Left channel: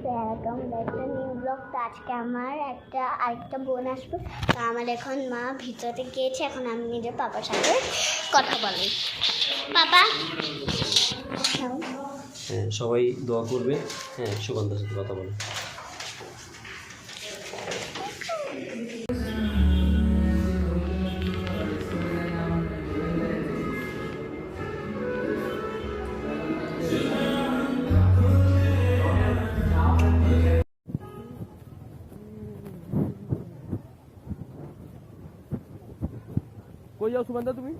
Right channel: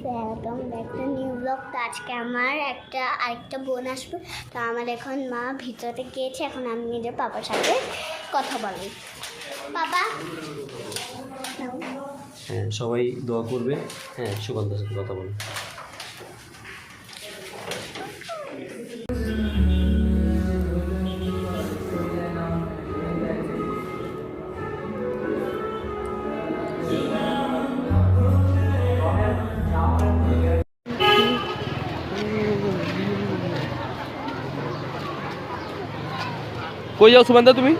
তোমরা একটা new blog. তো আজকে আমার আরেকটা বোন আসবে। তো আমার এখন মা ভিতরে গিয়েছে, এখন আমি নিজে পাপার সাথে কথা বলি। পাপা হ্যাঁ, সবাই দোয়া করবে। হ্যাঁ, সুগন্ধার সাথে কথা বলো। কই যাও সুগন্ধা তুমি?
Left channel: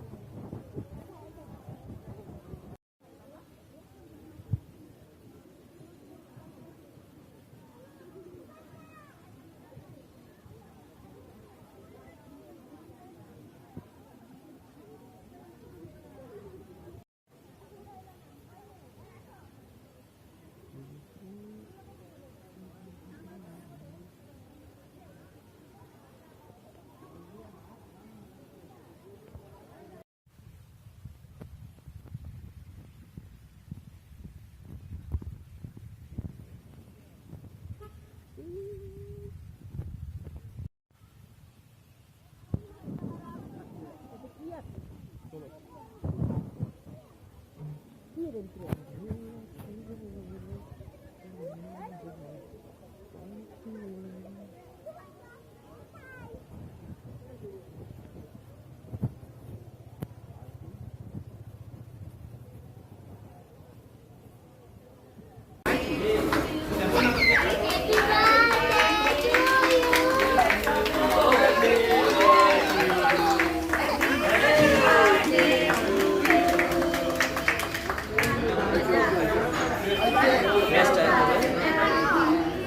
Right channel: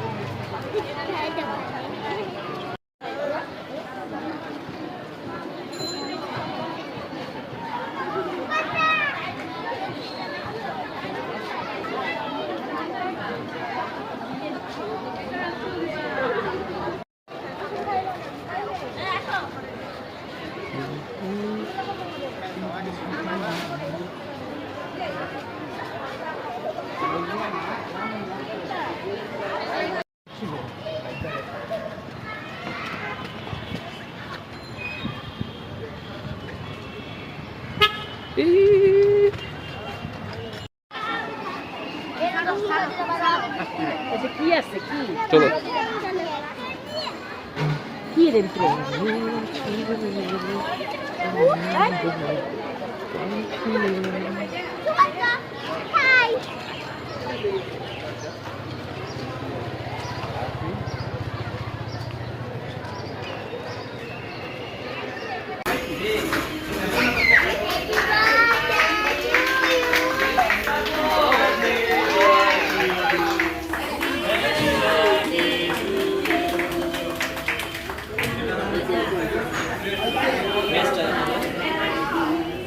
কি আছে কি চলো কি রে ভিতরে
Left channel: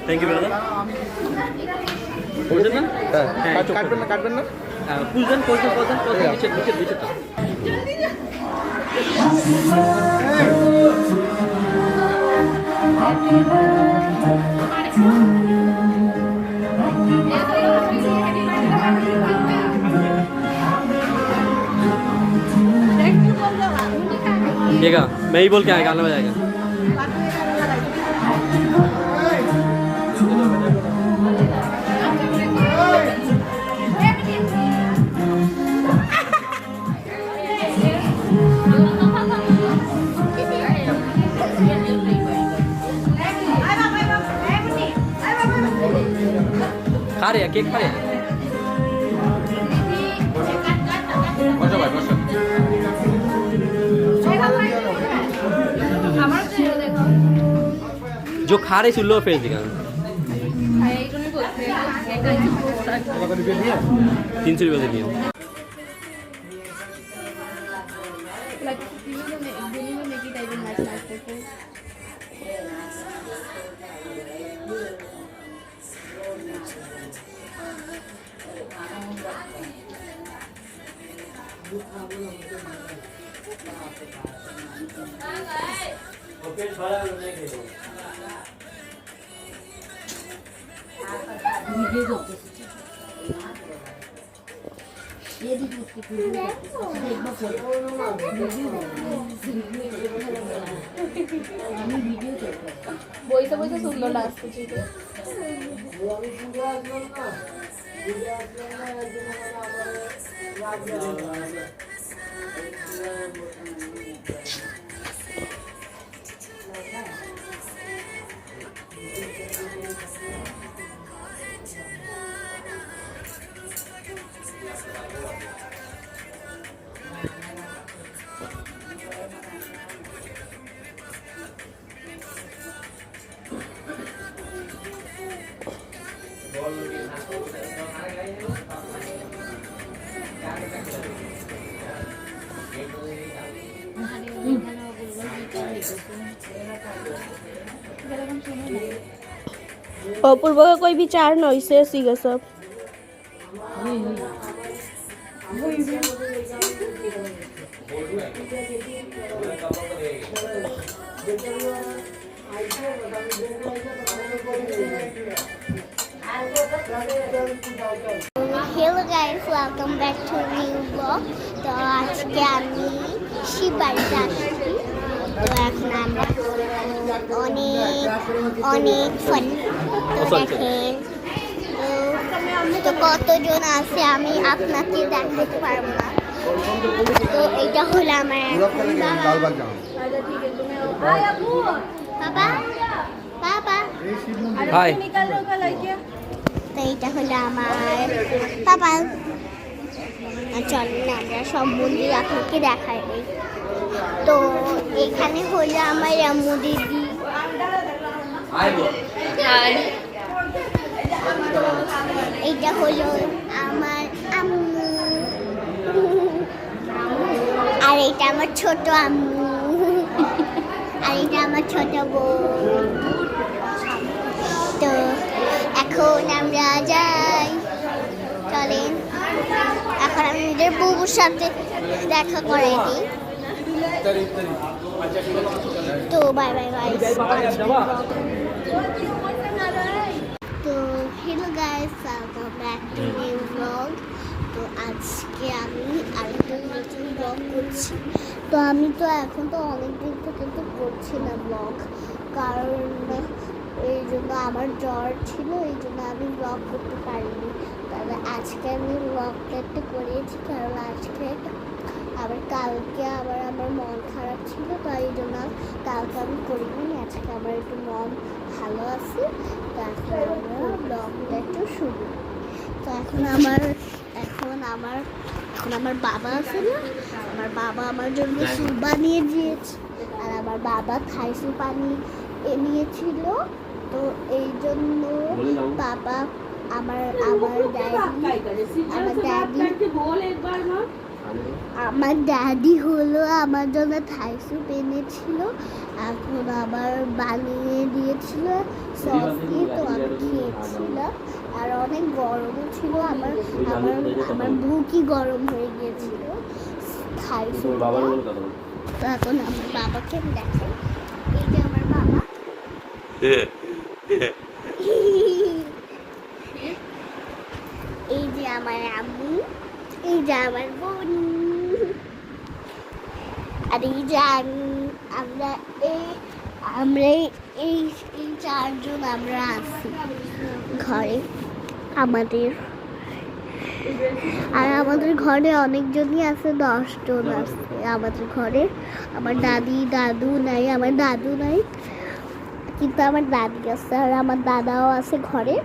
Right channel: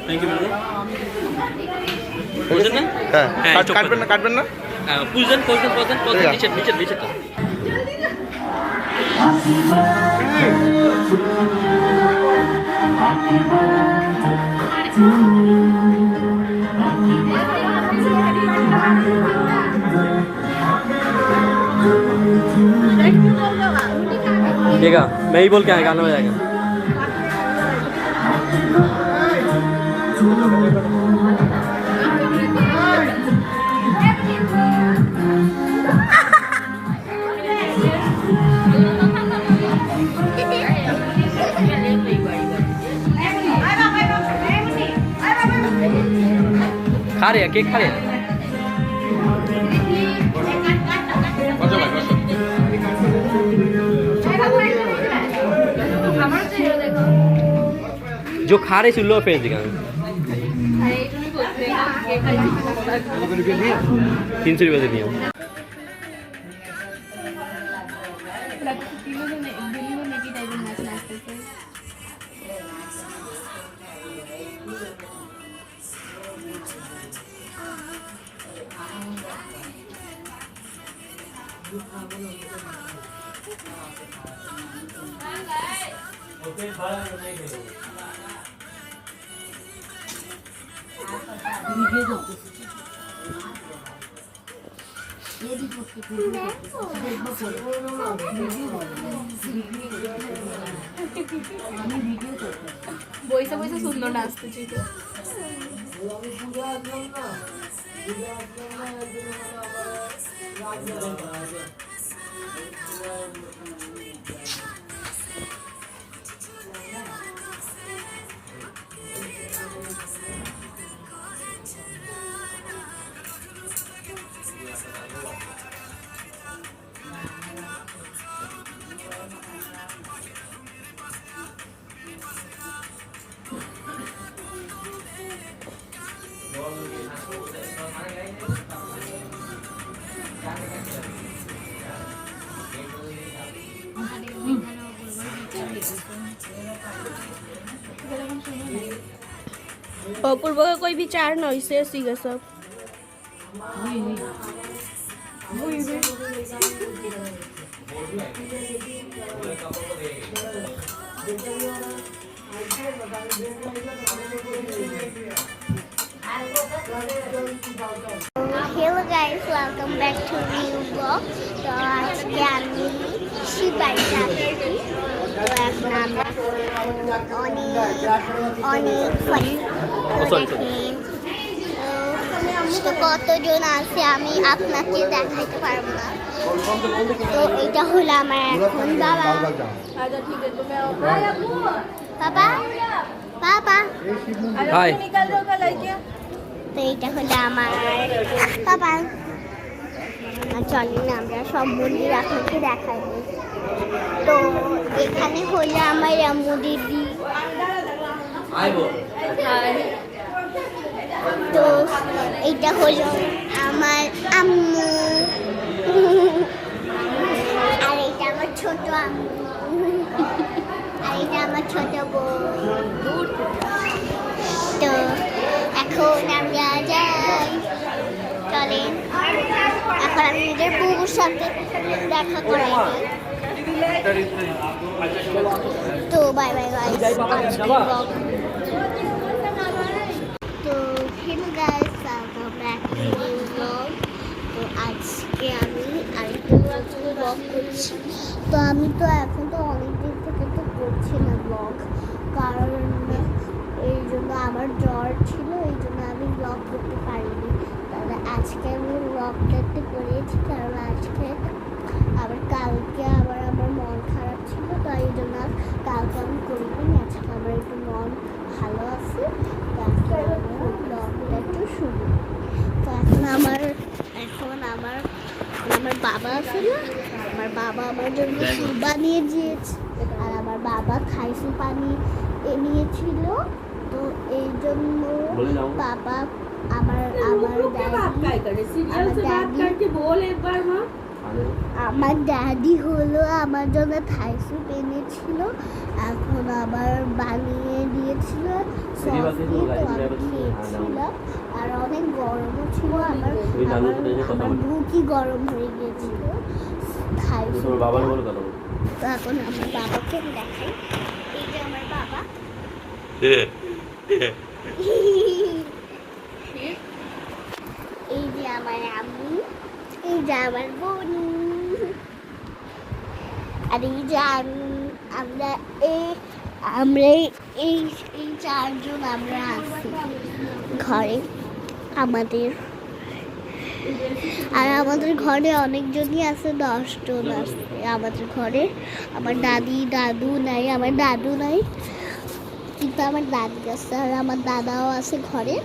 থ্যাংক ইউ ব্রাদার। হ্যাঁ, কাটবেন না পুজন নিচে তো देखा मैं ही बोल के आया गाना हो जाएगा। खा रहे हैं केक खा रहे हैं। जो खा रहे सुन लो फेस दिखा 300 रुपये दिए বইসা বইসা সুন্দর নাচতেছি তো अपूर्व का कोई विचार नहीं से सीगा सब hello guys, welcome back to new blog. तो आज के আমি শিবাইতে আসছি। তো এখন আমরা করবো অনেক ফান। তো দেখেন তো কতজন আছে আমি আপনাকে দেখাইতে পারবো না। তো এটা হলো আমার এখন বাবা বাবা হাই তো এটা হলো আমার বাবা। চলেন আমরা সব মন্দির আপনাকে দেখাই। তো এখানে হলো আমার আম্মু দিদি। তো এইটা হলো আমার আম্মু আর এটা আমার ছোট আম্মু আর এটা আমার ছোট বোন। তো এখন আমরা যাই, চলেন এখন আমি নিজের বুবুর সাথে দেখা করাই দিই। তো বাই বাই গাইস। তো hello guys, welcome back to new blog. তো আজকে আমি আরেকটা নতুন ব্লগ করছি। তো আমি তো এখন তো অনেকদিন থেকে তো করছি না ব্লগ, কারণ এই জন্য আমার জ্বর ছিল, এই জন্য আমি ব্লগ করতে পারিনি। তবে আজকে আমি ব্লগটা একটু করেছি, কারণ আজকে আবার কালকে আবার আমার মন খারাপ ছিল, তো এই জন্য কালকে আমি করিনি। আজকে আমার একটু মন ভালো আছে, তো আজকে আমরা ব্লগটা একটু শুরু। তো এখন আমার বাবা আছে না, আমার বাবা আমার জন্য স্যুপ বানিয়ে দিয়েছে, আর আমার বাবা খাইসু পানি নিয়েছিল। তো এই জন্য বাবা আমার ড্যাডি হলো আমার জন্য থাই স্যুপ এনেছিল, এখন আবার বানিয়ে দিয়েছিল সস দিয়ে। তো আমি খেয়েছিলাম, আর অনেক গরমও ছিল, আমার বুকই গরম হয়ে গিয়েছিল থাই স্যুপ। তো এখন আমার বাবাকে আমি দেখাই, এই যে আমার বাবা, এই যে আমার আম্মু, এই যে আমার বোন, আর এই যে আমরা এই চারজন আমরা আছি ঘরে আমাদের। আর আমাদের ঘরে অনেকজনই আছে, 10 জন আছে আমাদের ঘরে। আমার দাদু নাই, আমার দাদু নাই, কিন্তু আমার দাদি আছে, আর আমার দাদাও আছে ঘরে।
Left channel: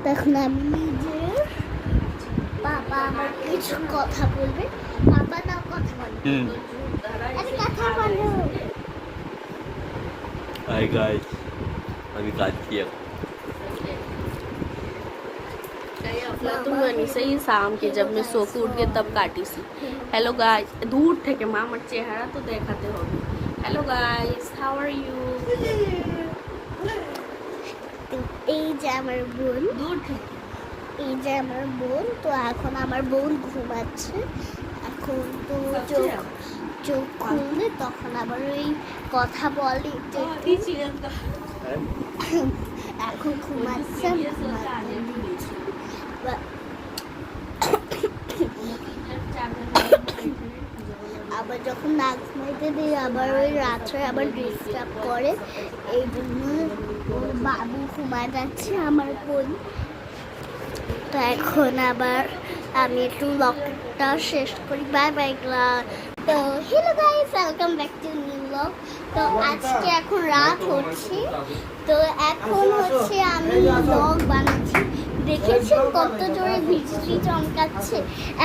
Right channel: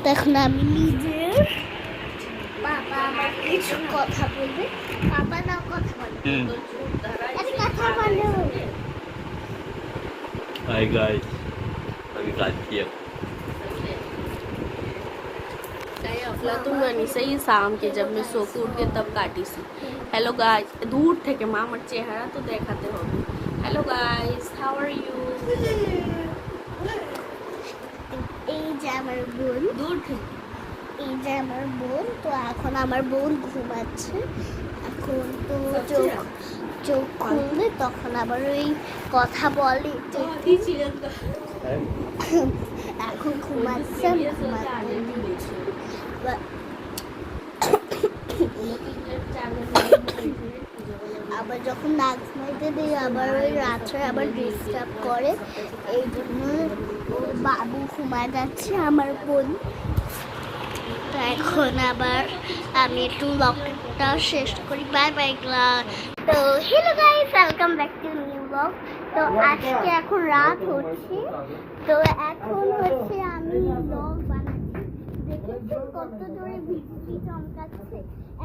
তো এখন আমি নিজের বাবা আমার কিছু কথা বলবে, বাবা না কথা বলবে, কথা বলো। हाय गाइस, अभी काट किया। তুমি সেই शाम के जब मैं सो के उठ के तब काटी सी। हेलो गाइस, दूर থেকে মা আমার চেহারা তো দেখাতে হবে। Hello guys, how are you? এই যে আমার বোন, দূর থেকে এই যে আমার বোন। তো এখন আমার বোন ঘুমাচ্ছে, এখন তো চোখ খুলবে, তখন আবার ওই কথা বলে। এখন ঘুমাচ্ছে, আমি ঘুমাতে দিচ্ছি। আবার যখন না ঘুমাইতে দিই, আবার ওই রাত্রে আবার ডিস্টার্ব করে, এই জন্য ওর বাবু ঘুমায় যাচ্ছে আমার বোন। তো এখন আবার আমি একটু ব্লগটা শেষ করি। Bye bye class. তো hello guys, welcome back to new blog. তো আজকে এখন রাত হচ্ছে, তো এখন হচ্ছে আমি ব্লগ বানাচ্ছি। দেখেছেন কত জোরে বৃষ্টি চমকাচ্ছে।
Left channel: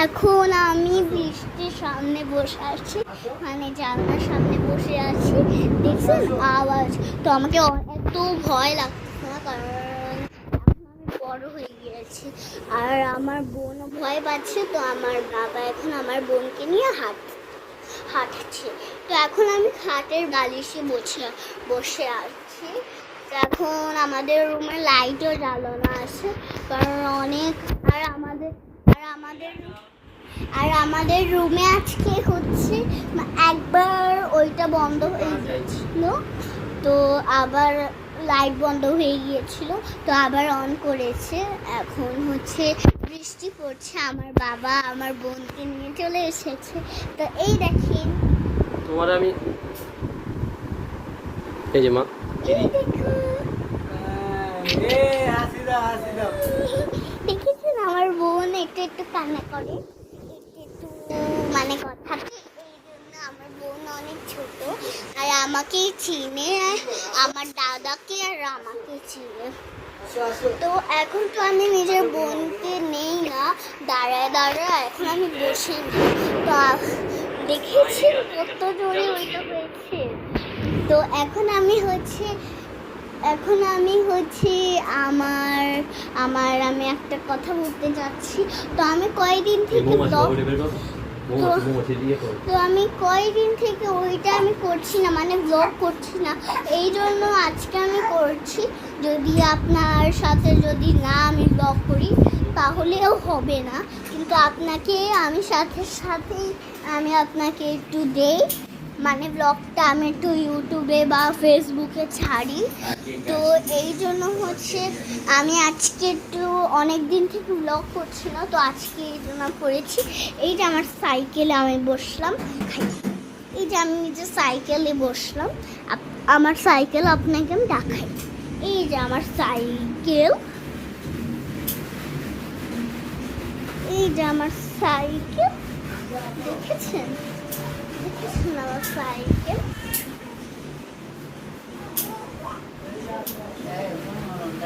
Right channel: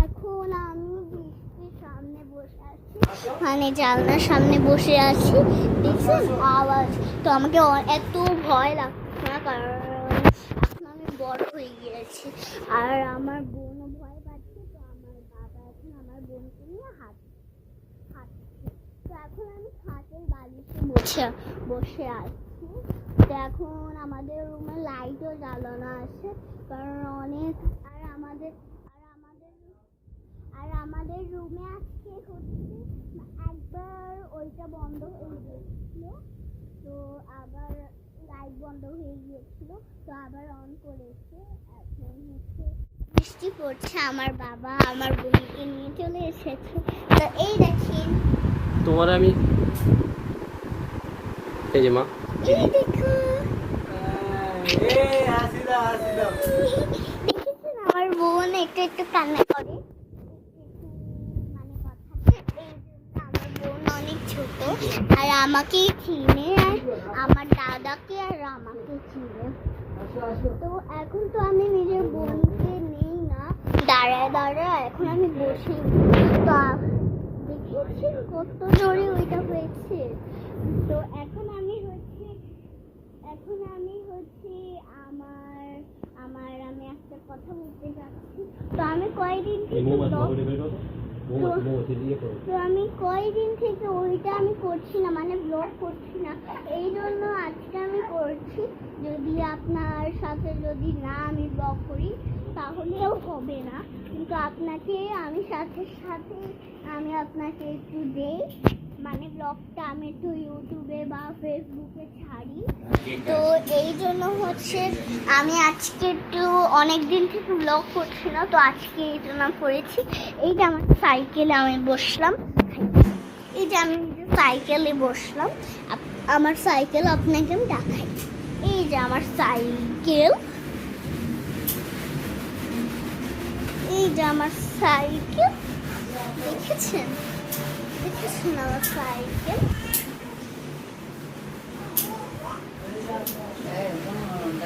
এখন আমি বৃষ্টির সামনে বসে আছি, মানে জানলার সামনে বসে আছি, দেখছেন আওয়াজ। তো আমাকে এত ভয় লাগছে না, কারণ বড় হয়ে গিয়েছি, আর আমার বোনও ভয় পাচ্ছে। তো আমার বাবা এখন আমার বোনকে নিয়ে হাঁটছে। তো এখন আমি খাটের বালিশে বসে আছি। তো এখন আমাদের রুমে লাইটও জ্বালানো আছে, কারণ অনেক আর আমাদের রুমে আজকে হচ্ছে একবার ওইটা বন্ধ হয়ে গিয়েছিল, তো আবার লাইট বন্ধ হয়ে গিয়েছিল, তো আবার অন করেছে। এখন হচ্ছে বৃষ্টি পড়ছে, আমার বাবা আমার বোনকে নিয়ে চলে এসেছে। তো এই দেখেন তোমার আমি এই যে মা দেখেছেন আমার বোন একটু একটু কান্না করে, একটু একটু মানে কথা, এই জন্য আমার বোন অনেক ছোট আর আমাকেই চিনে, আর আমার দাদাকে আর আমাকে চিনে। তো এখন তো আমি নিজের বোনকে নেই না, দাঁড়ায় এখন আমি বসি তো দেখেছি কত জোরে ওইটা হয়েছে। তো এখন আমি হচ্ছে আমার আমার আমি একটা কথা বলতে যাচ্ছি। তো আমি কয়েকদিন থেকে তো আমি কয়েকদিন থেকে ওইটা আমি করছি না, মানে ব্লগ করছি না, এই জন্য আজকে আমি করছি। যদি আপনার সাথে যদি না আমি ব্লগ করি তাহলেও হবে না, কিন্তু আপনাকে আমি সাথে আমি আপনাকে একটু দেই, মানে ব্লগটা আমি একটু ইউটিউবে বা ফেসবুকে ছাড়ি। তো এই জন্য হচ্ছে আমি আজকে একটু অনেক দিন থেকে ব্লগ করছি না, তো আজকে এই জন্য করেছি। এইটা আমার সাইকেলে আমি বসলাম, এই যে আমি নিজে সাইকেলে বসলাম, আমার সাইকেল আপনাকে আমি দেখাই। এই যে আমার সাইকেল, এই যে আমার সাইকেল, দেখেছেন আমার সাইকেল।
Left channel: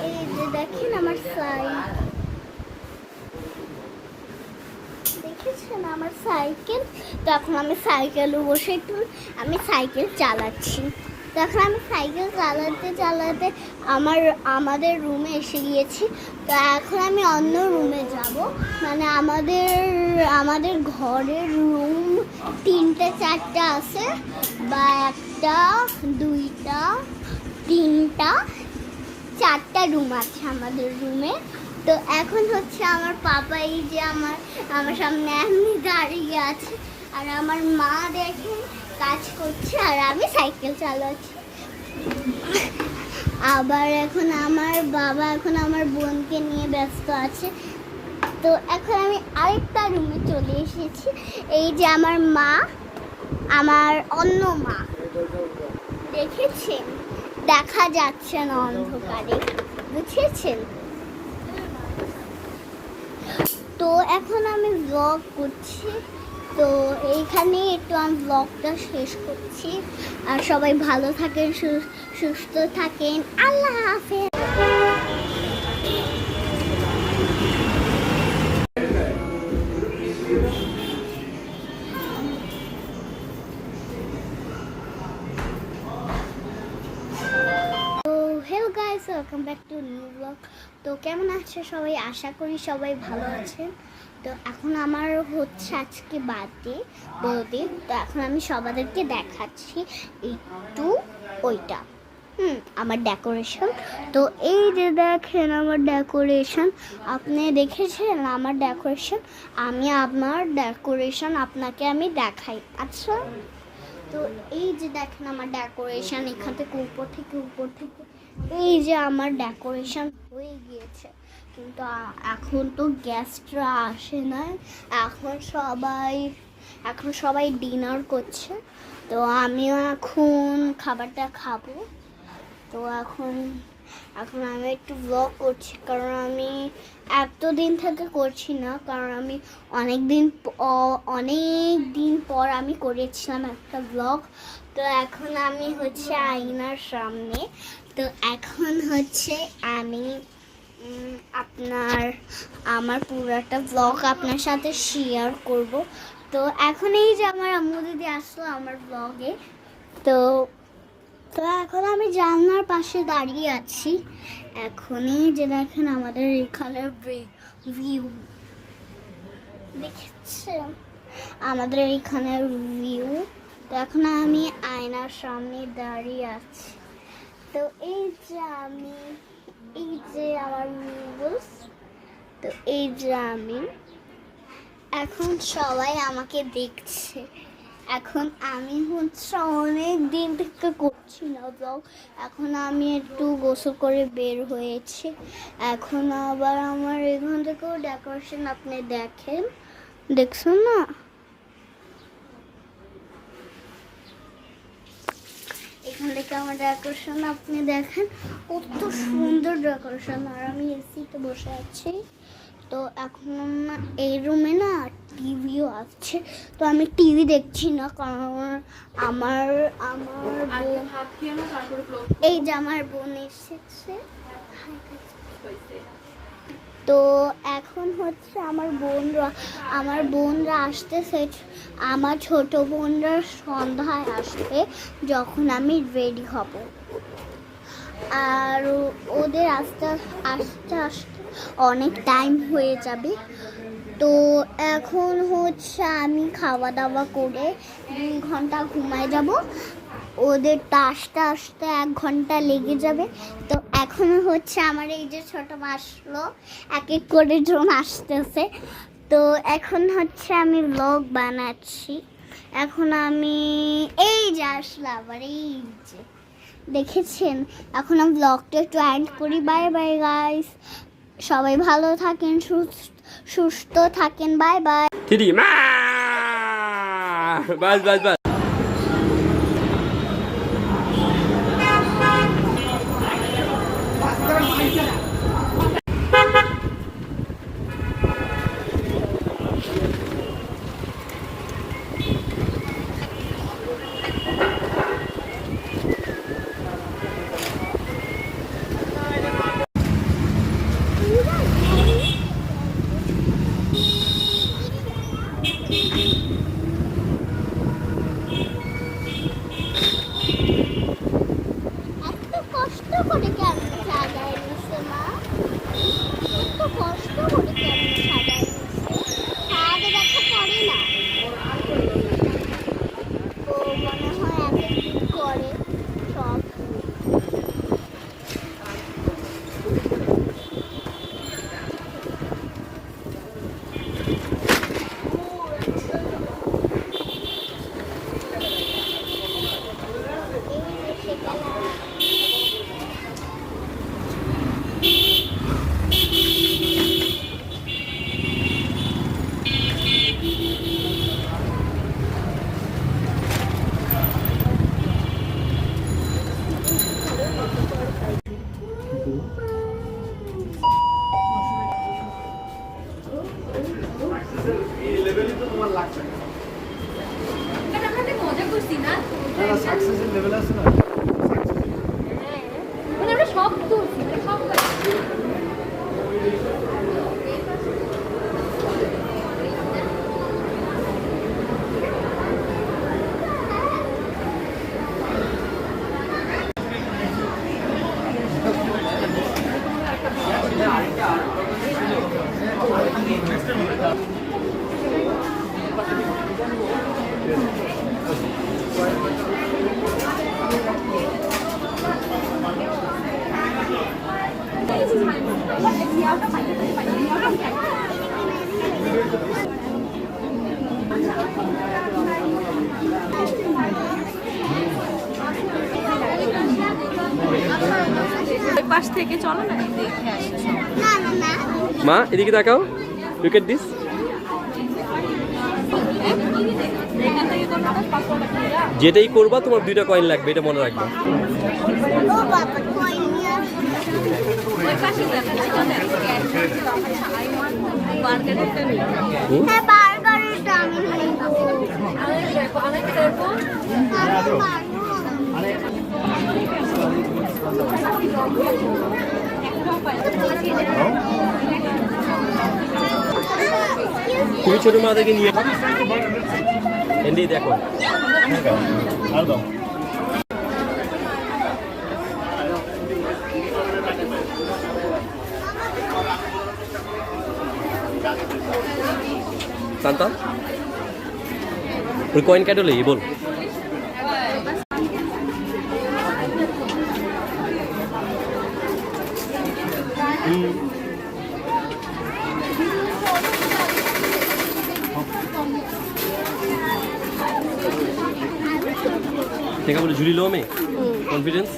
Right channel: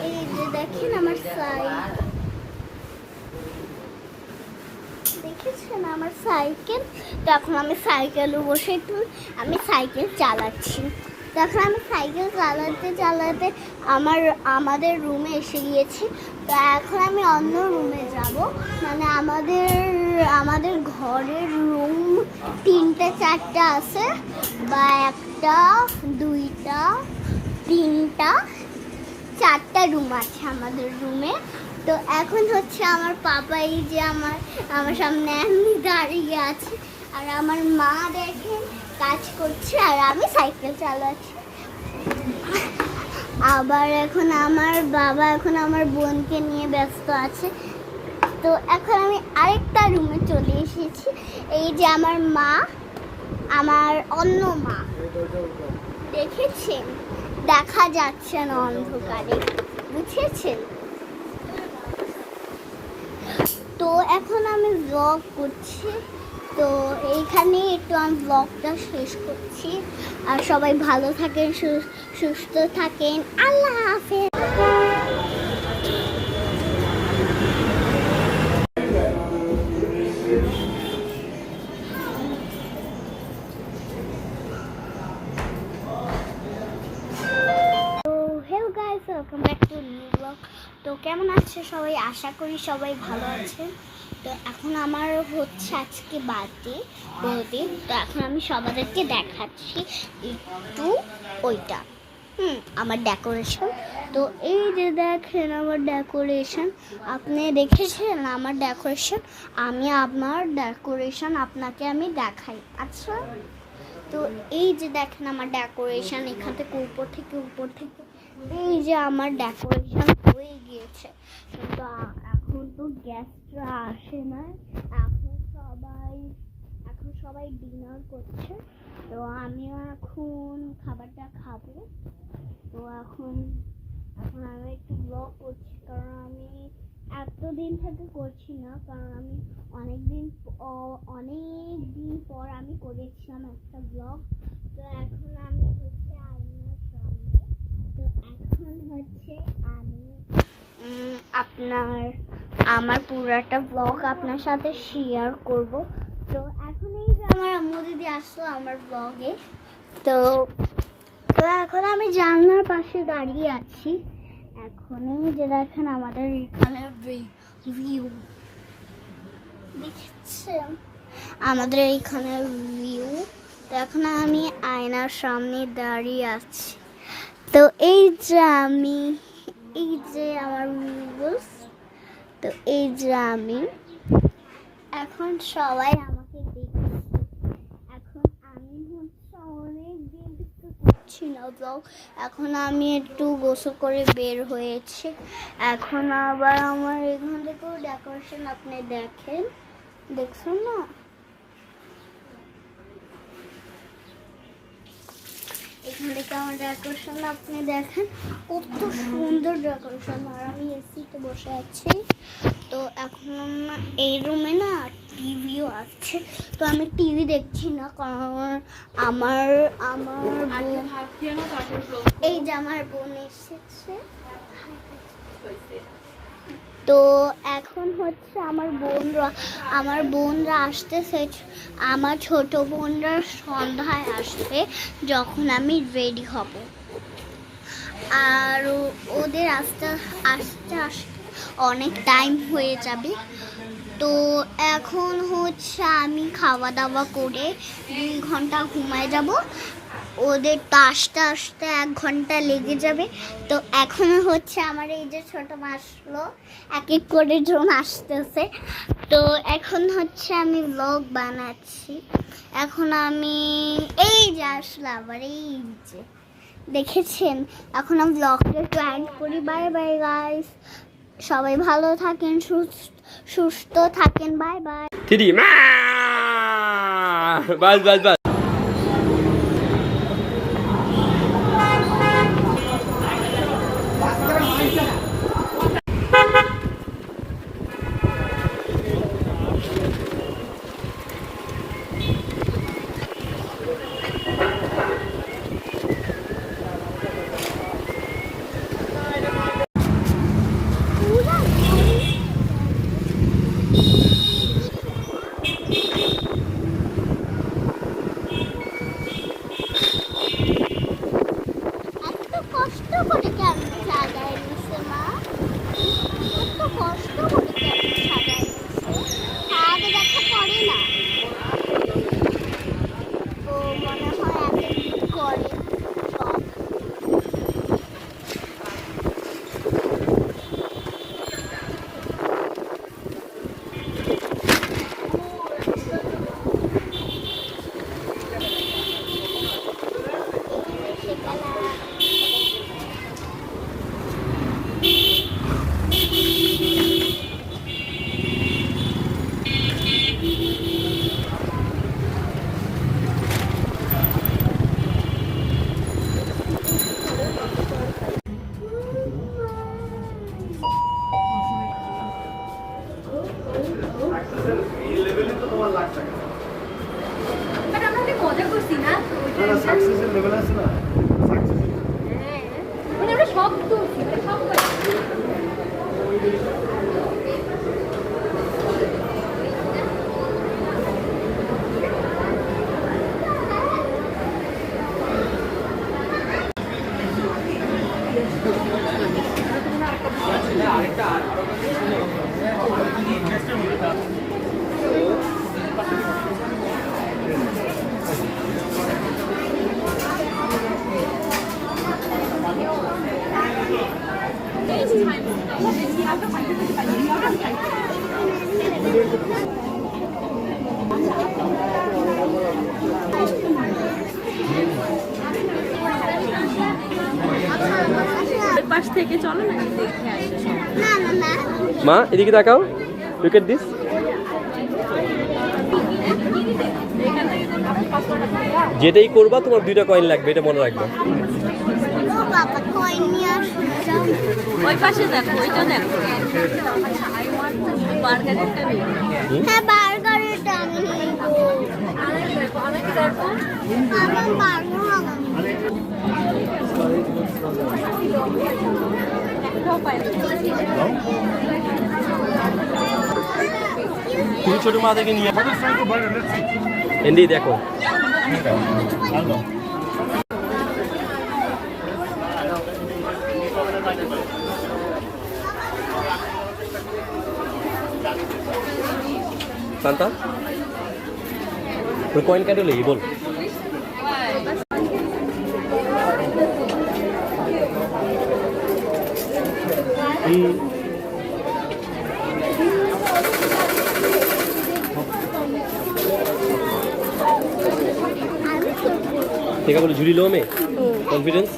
এই যে দেখেন আমার দেখেছেন আমার সাইকেল। তো এখন আমি সাইকেলে বসে একটু আমি সাইকেল চালাচ্ছি। তো এখন আমি সাইকেল চালাতে আমাদের রুমে এসে গিয়েছি। তো এখন আমি অন্য রুমে যাব, মানে আমাদের ঘরের রুম 3টা 4টা আছে, বা 1টা 2টা 3টা 4টা রুম আছে আমাদের রুমে। তো এখন হচ্ছে আমার পাপা এই যে আমার সামনে এমনি দাঁড়িয়ে আছে, আর আমার মা দেখেন কাজ করছে, আর আমি সাইকেল চালাচ্ছি। আবার এখন আমার বাবা আমার বোনকে নিয়ে ব্যস্ত আছে। তো এখন আমি আরেকটা রুমে চলে এসেছি। এই যে আমার মা, আমার অন্য মা, দেখেছেন দেখা যাচ্ছে না অন্ধকারে, বুঝেছেন? তো এখন আমি ব্লগ করছি, তো এইখানে একটু আমি ব্লগটা শেষ করছি। আর সবাই ভালো থাকেন, সুস্থ থাকেন, আল্লাহ হাফেজ। Hello guys, welcome back to new blog. তো কেমন আছে সবাই? আশা করি সবাই ভালো আছেন। তো এখন আমার হচ্ছে আজকে বার্থডে, তো এখন আমি সবাইকে দেখাচ্ছি একটু ওইটা আমার ডেকোরেশন। তো এই যে দেখেন আমার ডেকোরেশন, আপনি দেখেছেন আমার ডেকোরেশন? আমার ডেকোরেশন আপনাকে আমি দেখাই। আচ্ছা, তো এই যে দেখেন আমার ডেকোরেশন, এখান থেকে উপর থেকে এই যে আমার ডেকোরেশন হয়ে গিয়েছে। কিন্তু এখন তো গেস্টরা আসে না, এখন সবাই ডিনার করছে। তো আমিও এখন খাবারটা খাবো। তো এখন আমি একটু ব্লগ করছি, কারণ আমি এতদিন থেকে করছি না, কারণ আমি অনেক দিন পর আমি করেছিলাম একটা ব্লগ। তো এখন আমি হচ্ছে আয়নার সামনে, তো এখন হচ্ছে আমি আমার পুরাটা ব্লগ আপনার সাথে শেয়ার করব। তো এখন এই যে আমার আম্মু দিদি আসলো আমার ব্লগে। তো এখন আমি জানলার পাশে দাঁড়িয়ে আছি। এখনই যে দেখেন আমাদের এখানের ভিউ, দেখছেন আমাদের এইখানের ভিউ। তো এখন আমি আয়নার সামনে দাঁড়িয়ে আছি। তো এই যে আমার ভিউস, তো এই যে এখন সবাই আমাকে দেখছে। এখন আমি হচ্ছে অনেক দিন থেকে করছি না ব্লগ, এখন আমি একটু গোসল করে বের হয়েছি। এখন আবার আমার এখান থেকেও ডেকোরেশন আপনি দেখছেন না? এখান থেকে আমার ডেকোরেশন আপনি দেখেন, কত সুন্দর ডেকোরেশন। আর আমি এসিতে বসে আছি। তো এখন এই রুমে না টিভিও আছে, তো আমি টিভি দেখছি না, কারণ আমার বোন, এই যে আমার বোন এসেছে। তো এখন হচ্ছে আমার বোনরা আসতেছে, আমার ছোট বোনরা সন্ধ্যায় আসবে যখন আমি রেডি হব। আর ওদের আস্তে আস্তে অনেক টাইম হয়ে যাবে। তো এখন হচ্ছে আমি খাওয়া দাওয়া করে 2 ঘন্টা ঘুমায় যাব। ওদের তো আসতে আসতে 1 ঘন্টা লেগে যাবে। তো এখন হচ্ছে আমার এই যে ছোট আসলো, এক এক করে জন আসতেছে। তো এখন হচ্ছে আমি ব্লগ বানাচ্ছি। এখন আমি এই যে আসলো আবার, এই যে দেখেছেন। এখন আমি ব্লগটা একটু এন্ড করি। বাই বাই গাইস, সবাই ভালো থাকেন, সুস্থ থাকেন। Bye bye. থ্রি মা বাস বাস বাস। এত কষ্ট করে কেন সাজায় নিছে মা? এত কষ্ট করে কেন সাজায় নিছে? আগে দেখা পড়ে না। ও মনে হয় এতদিন করে সব। মজা করছি না, সাকসেসের লেভেল আছে না। আমরা সব করছি, সব করছি। ওই পাশ থেকে চলো না, দেখে আসি সব। না না না, মা এদিকে তাকাও, লুক এট দিস। যেটাই করবা তোমার 2টা কয়েন লাগবে, এটা মনে রাখবা। ও বাবা কই নিয়ে আসছে। ওই পাশে দেখো, ওইটা দেখো। বার্গারটা নেই। হ্যাঁ বার্গারটা আমি নেব। আমি দেখো, আমি দেখো। তুমি ছোট মা থেকে নিয়ে এন্ডি দেখো। শান্তা ওই কয়েন কাটলে বল। থেকে বলে ঝুলি লো মে কনফিডেন্স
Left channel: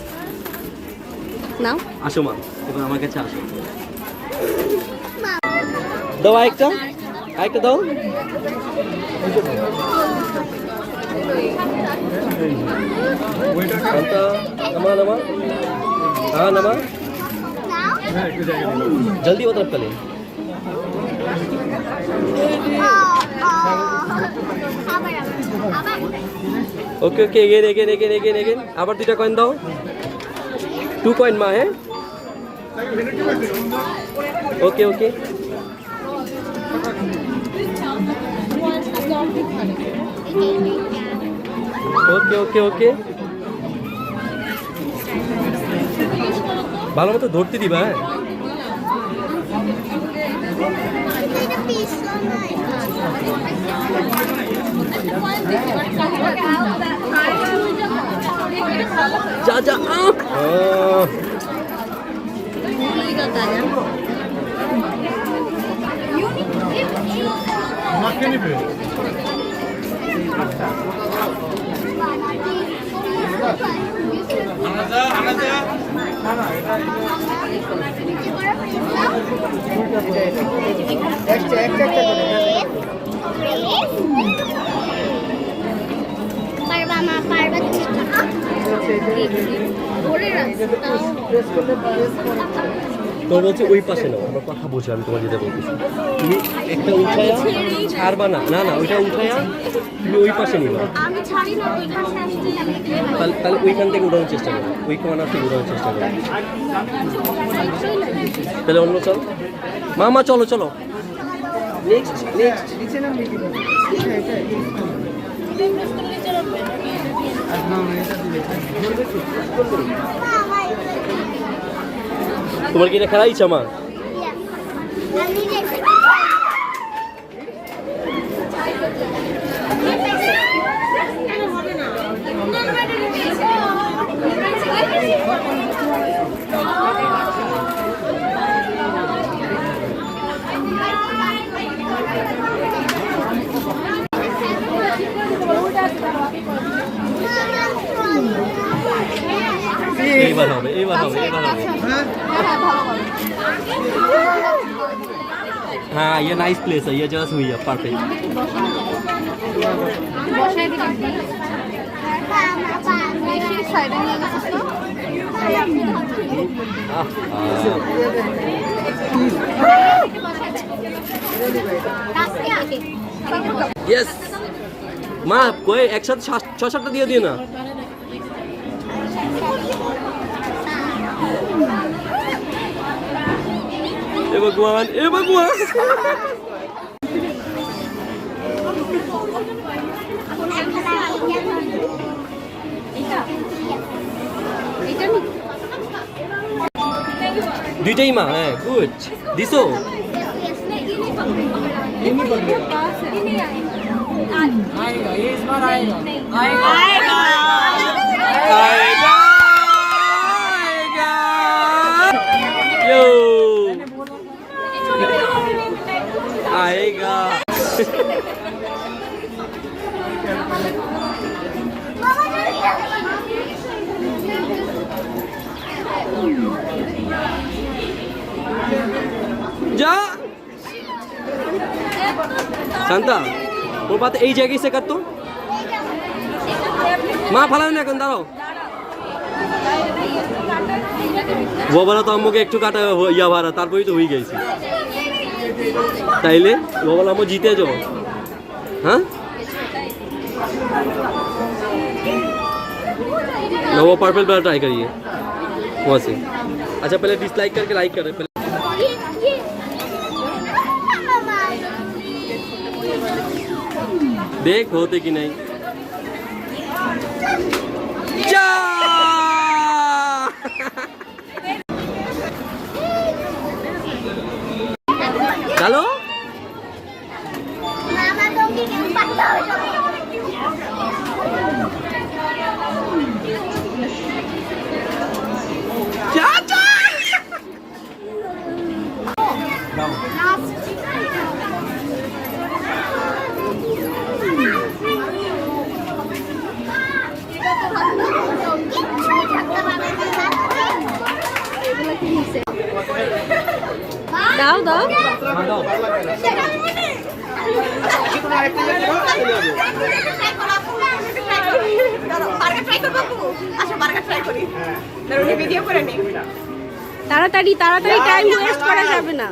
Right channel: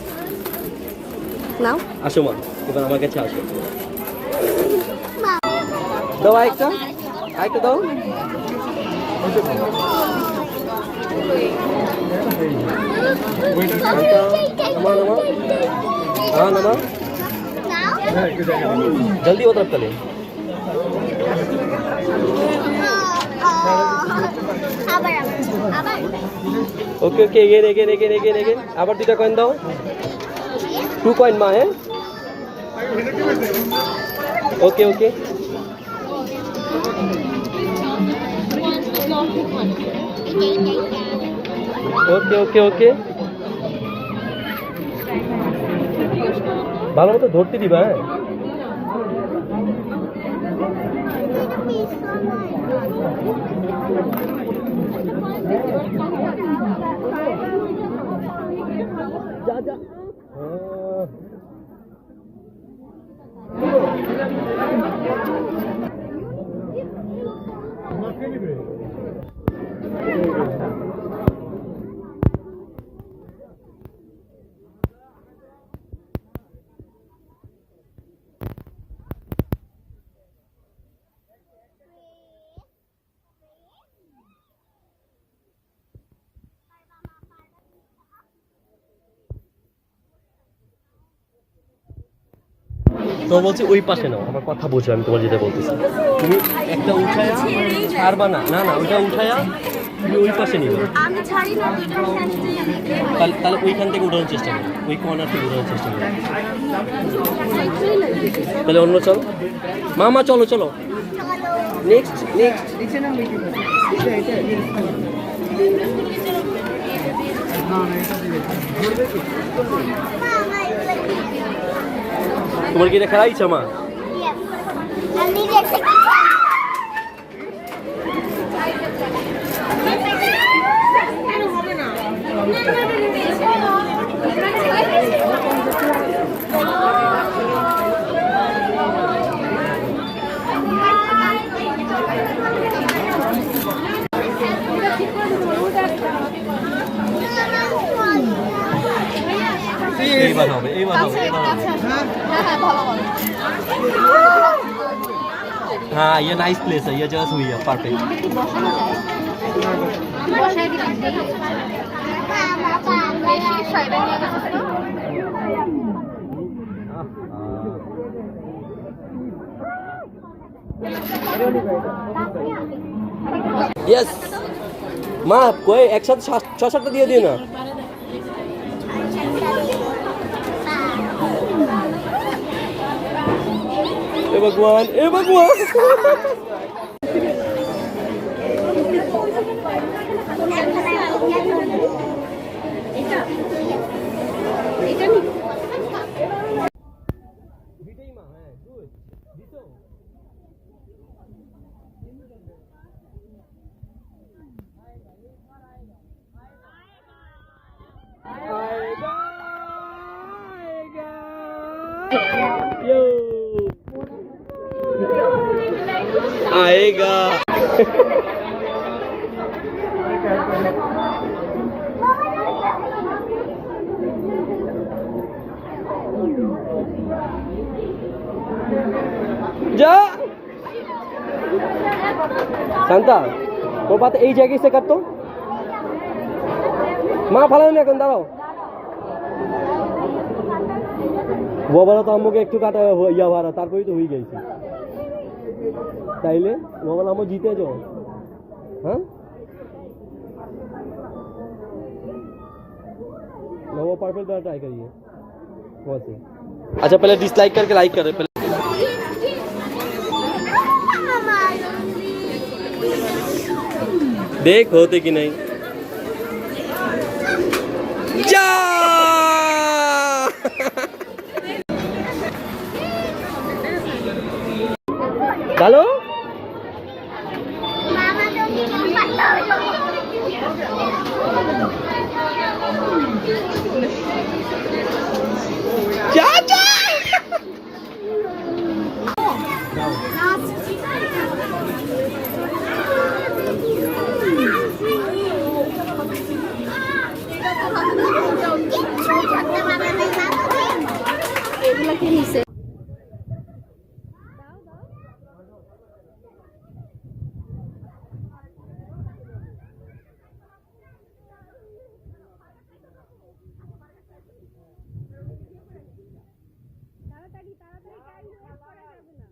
নাও। আসো মা, এবার আমার কাছে আসো। দাও আরেকটা, আরেকটা দাও। শান্তা नमा नमा हाँ नमा जल्दी वो तरफ चले ओके ओके ये আবার দুটা কয়েন দাও 2 কয়েন মা है okay okay okay okay okay ভালো মতো ধরতে দিবা হ্যাঁ যা যা তো বলছি ওই পাশে নাও আমার কথা বুঝো আমি তোমার যেটা বলতেছি তুমি একটা উঠায়া ছাড়বা না না না ওইটা উঠায়া তুমি ওই পাশে নিবে আমি ছাড়ি না তাহলে ওইখান থেকে উঠানোর চেষ্টা করো ওই কর্নার থেকে উঠানোর চেষ্টা করো তাহলে অন্য চল মা চলো চলো নেক্সট তোমার কি এটা খেলা ইচ্ছা মা এইবার হবে हाँ ये नाइस प्लेस है ये जगह हुई है परफेक्ट यस माँ कोई एक साथ 6-7 दिए दिए ना ए भगवान দুইটাই মা হ্যাঁ গুড দিছো यो आएगा जा शांता वो बात এই জায়গায় से कर तो মা ভালো না এখন দাঁড়াও গোবরা তো আম্মুকে একটু কাটা ইয়া ভাড়া তারপরেই তো হয়ে গেছি তাইলে গোবরা আম্মু जीते जो हाँ ना वो पर्पल वाला ट्राई करिए वहाँ से अच्छा पहले डिसलाइक करके लाइक करें पहले देख होते कि नहीं जा डालो দাও দাও তাড়াতাড়ি তাড়াতাড়ি, টাইম ওয়েস্ট করা যাবে না।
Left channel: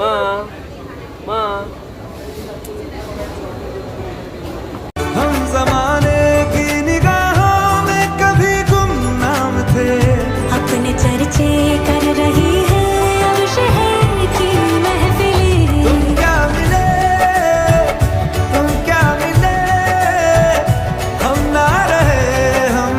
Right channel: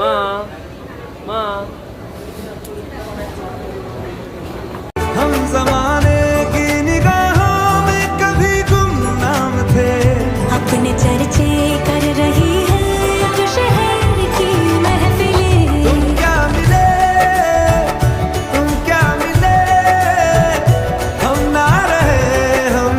মা মা हम जमाने की निगाहों में कभी गुमनाम थे। अपने चर्चे कर रही है अब शहर की महफिलें। तुम क्या मिले हम ना रहे हम।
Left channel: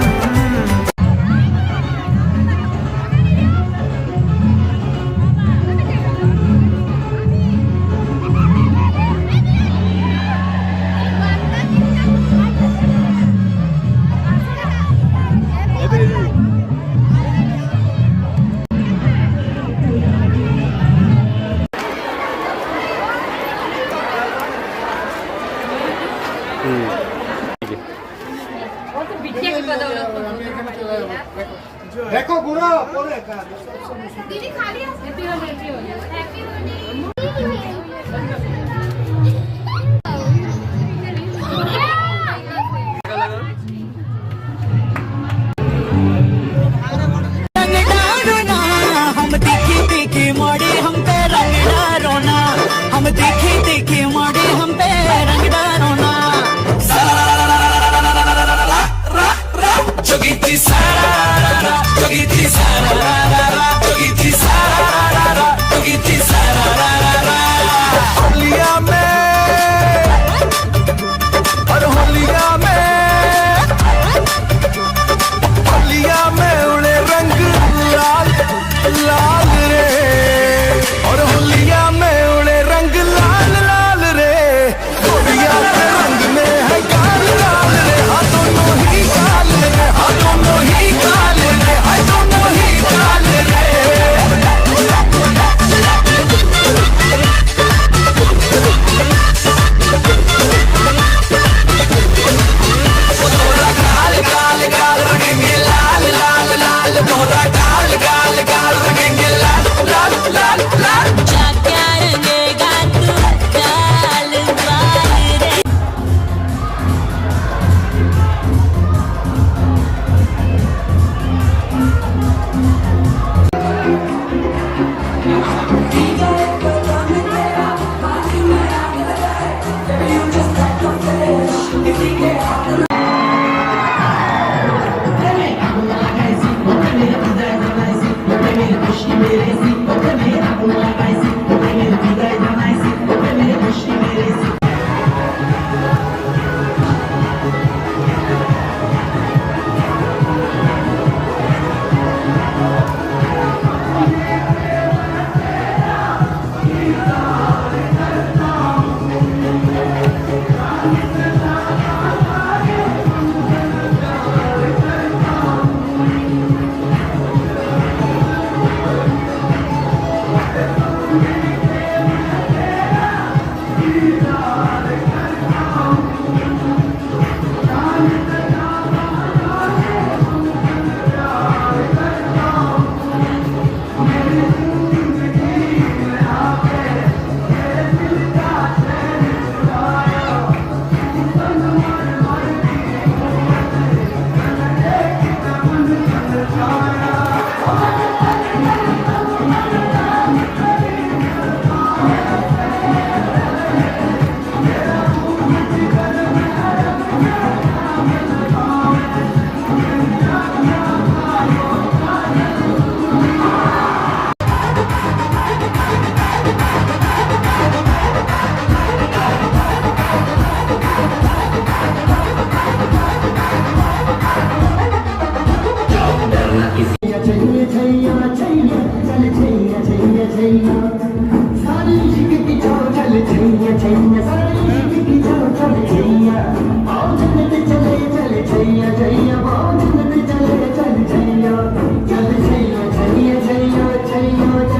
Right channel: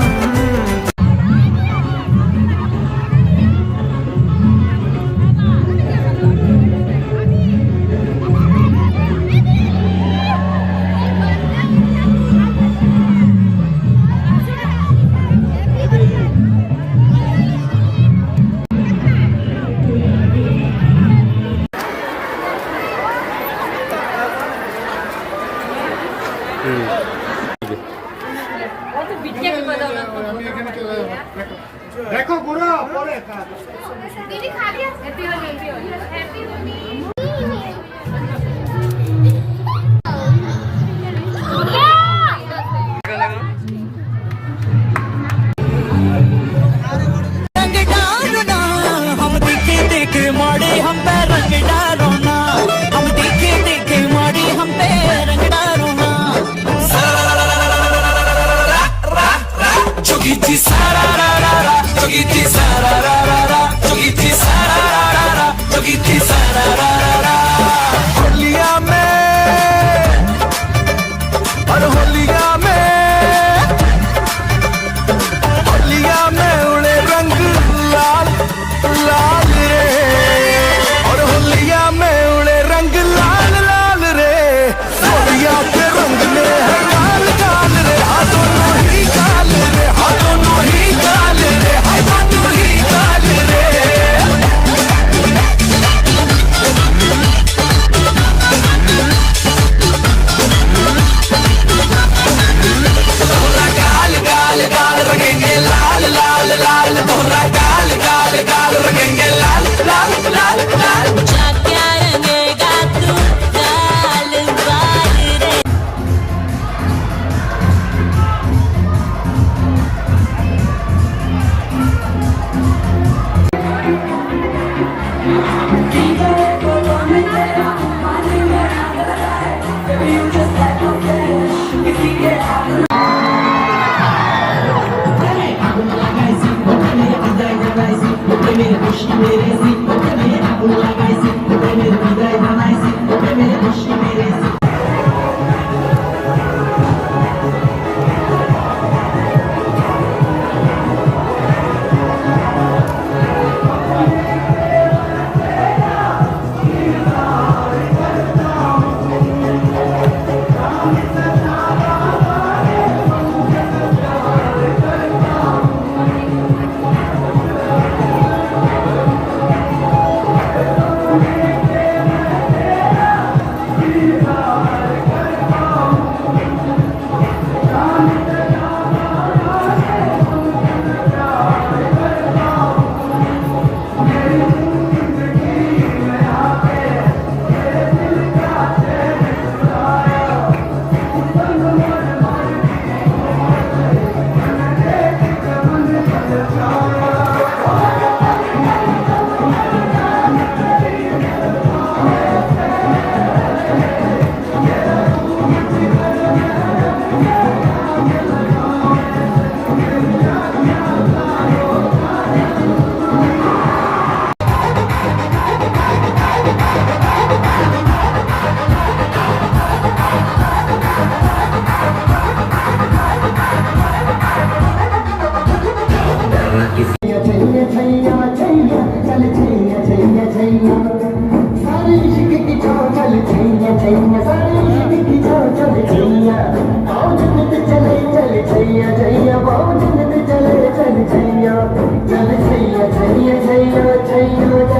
দেখো গুড়ো পরে हम देखे देखे माड़े हम पे रंग डारो ना। हम देखे देखे माड़े हम पे रंग डारो ना। जोगी जी सारा रा रा रा, जोगी जी सारा रा रा रा, जोगी जी सारा रा रा रा, जोगी जी सारा रा रा रा। होलिया में और होलिया में उड़े रंग लाल लाल रे। और होलिया में उड़े रंग लाल लाल रे। होलिया के रंग में है गाल गाल रे। हाँ दोनों ही गाल रे, हाँ दोनों ही गाल रे, हाँ दोनों ही गाल रे। गाल गाल गाल रंगेंगे लाल लाल लाल। तोरा गाल गाल गाल रंगेंगे लाल लाल लाल लाल। जा क्या रंगेगा तू गाल बाल रे। चल छैया छैया छैया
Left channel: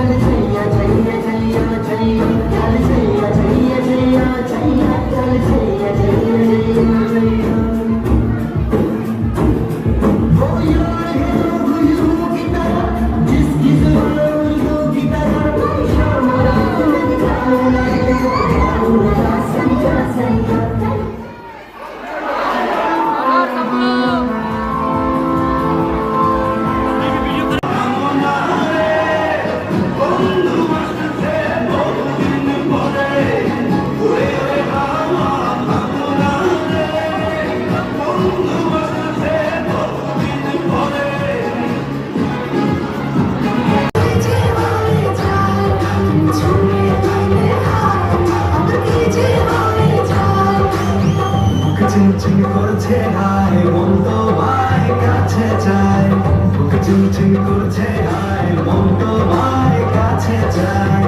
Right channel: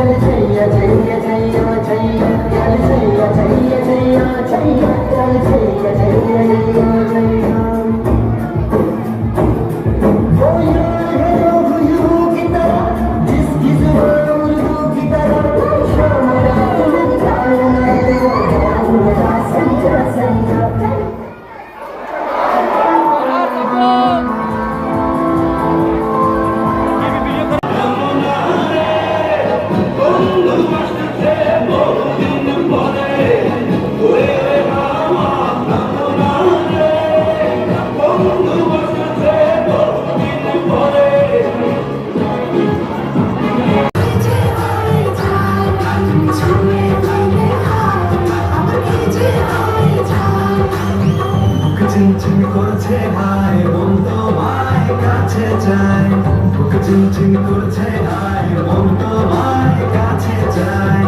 চিনচিন করছে হায় মন তোমায় কাছে যায় বুক চিনচিন করছে হায় মন তোমায় কাছে যায়